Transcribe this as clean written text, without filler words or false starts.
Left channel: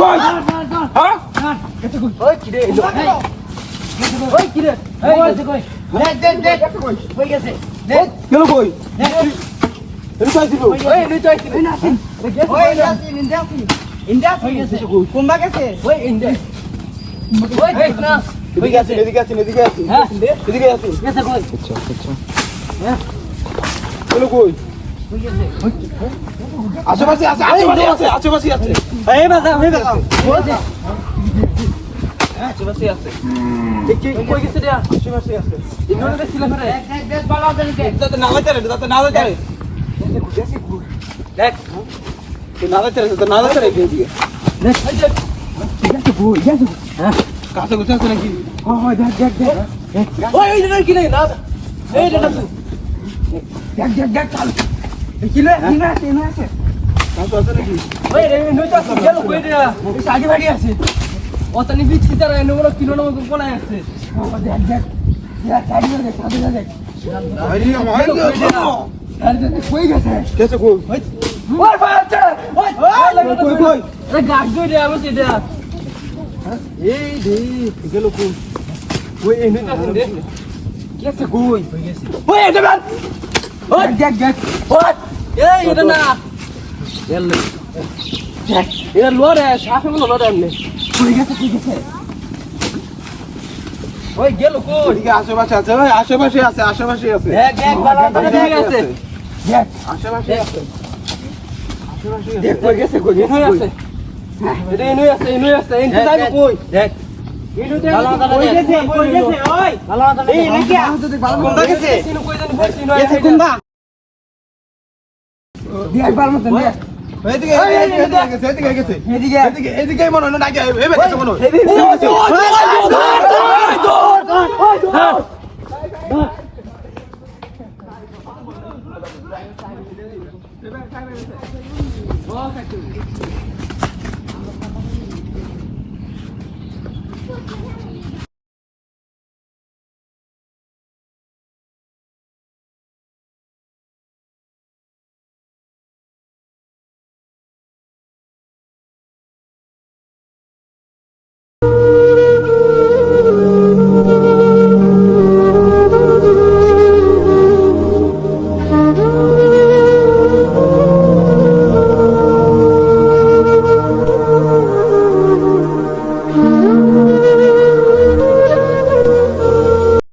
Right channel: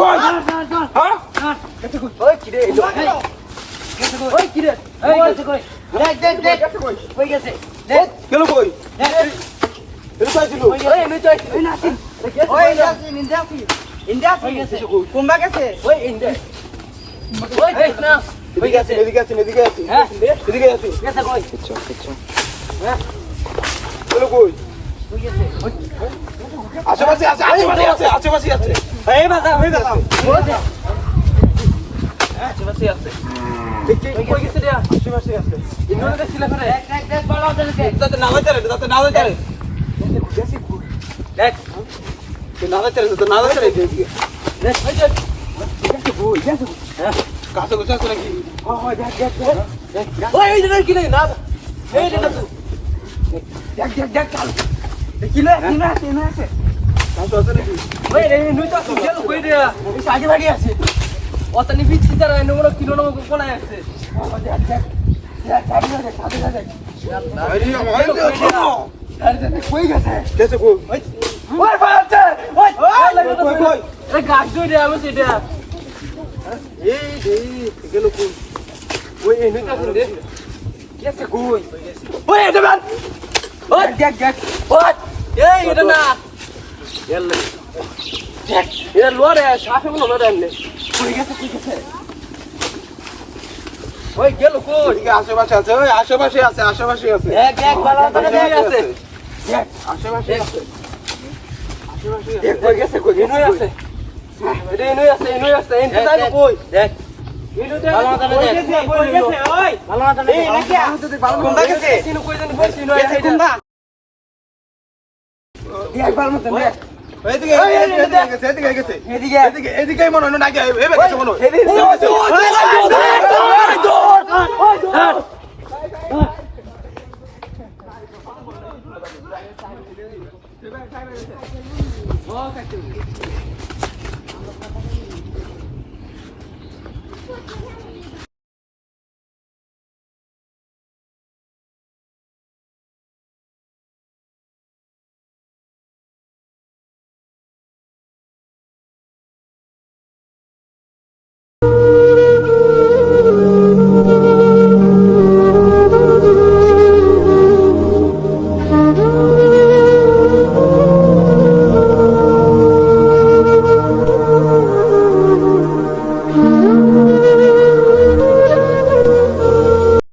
কই হ্যাঁ গেছে কই ওই কি রে ওই কি রে এই গেছে কই দেখ কই গেছে দেখ গেল কই দেখ এমন কাজ দিব ওই এমনি তো আইছি না আসি ওই ইন্ডিয়া হয়ে গেছে কোনবা গেছে ওই ইন্ডিয়া ওই দেখ না এদিকে আছে এদিকে আছে হ্যাঁ এদিকে আছে গেছে কই গেল কই কই গেছে আশেপাশে আছে এই বাজা হয়ে গেল আশেপাশে আছে দেখি কই গেছে রে আশেপাশে আছে ইন্দ্রটা দেখছিলা ফেরে দেখ বাবা দেখ তাতে নালা চলে দেখ নালা চলে দিকে গেছে কই গেছে হ্যাঁ কাছে গুছা আছে নাকি ওই দেখ ওই এই দেখ কি রে না এই দেখ দেখ চাল দেখিলে ইনা আছে কাছে আছে নাকি ওই রে নইটা গেল কই রে এই সাজি ভাড়ি আছে ওতনি বিচ্ছি তার এনগুলো কিলো না কোন আছে দেখ সাজি না দেখ আরে আমার আরে দেখ কই গেছে গেছে কই ওই বাচ্চা ওই কই এই গাছ দুই রে আবার এটা এই দে গেল কই ওই এই নইটা দে গেছে কই ওই এটা বাদ ওই দেখ ওই এই এটা না দেখ এটা লড়ে শ্বাস মনে লড়ে এমনি কই গেছে ওই গেল কই এদিকে আশেপাশে আছে ওই আশেপাশে আছে দেখ বাবা ঠিক আছে দেখ আশেপাশে আছে দেখ কই গেছে এনই আছে এটা এনই আছে এনই জানি কই দেখ কই গেছে ওই ভালো এই নাকি কোনবা গেছে গেছে কোনবা দেখ ভালো মত দেখ এদিকে গেছে এদিকে এদিকেই মনে হয় না আগে এই গেছে মনে হয় এদিকে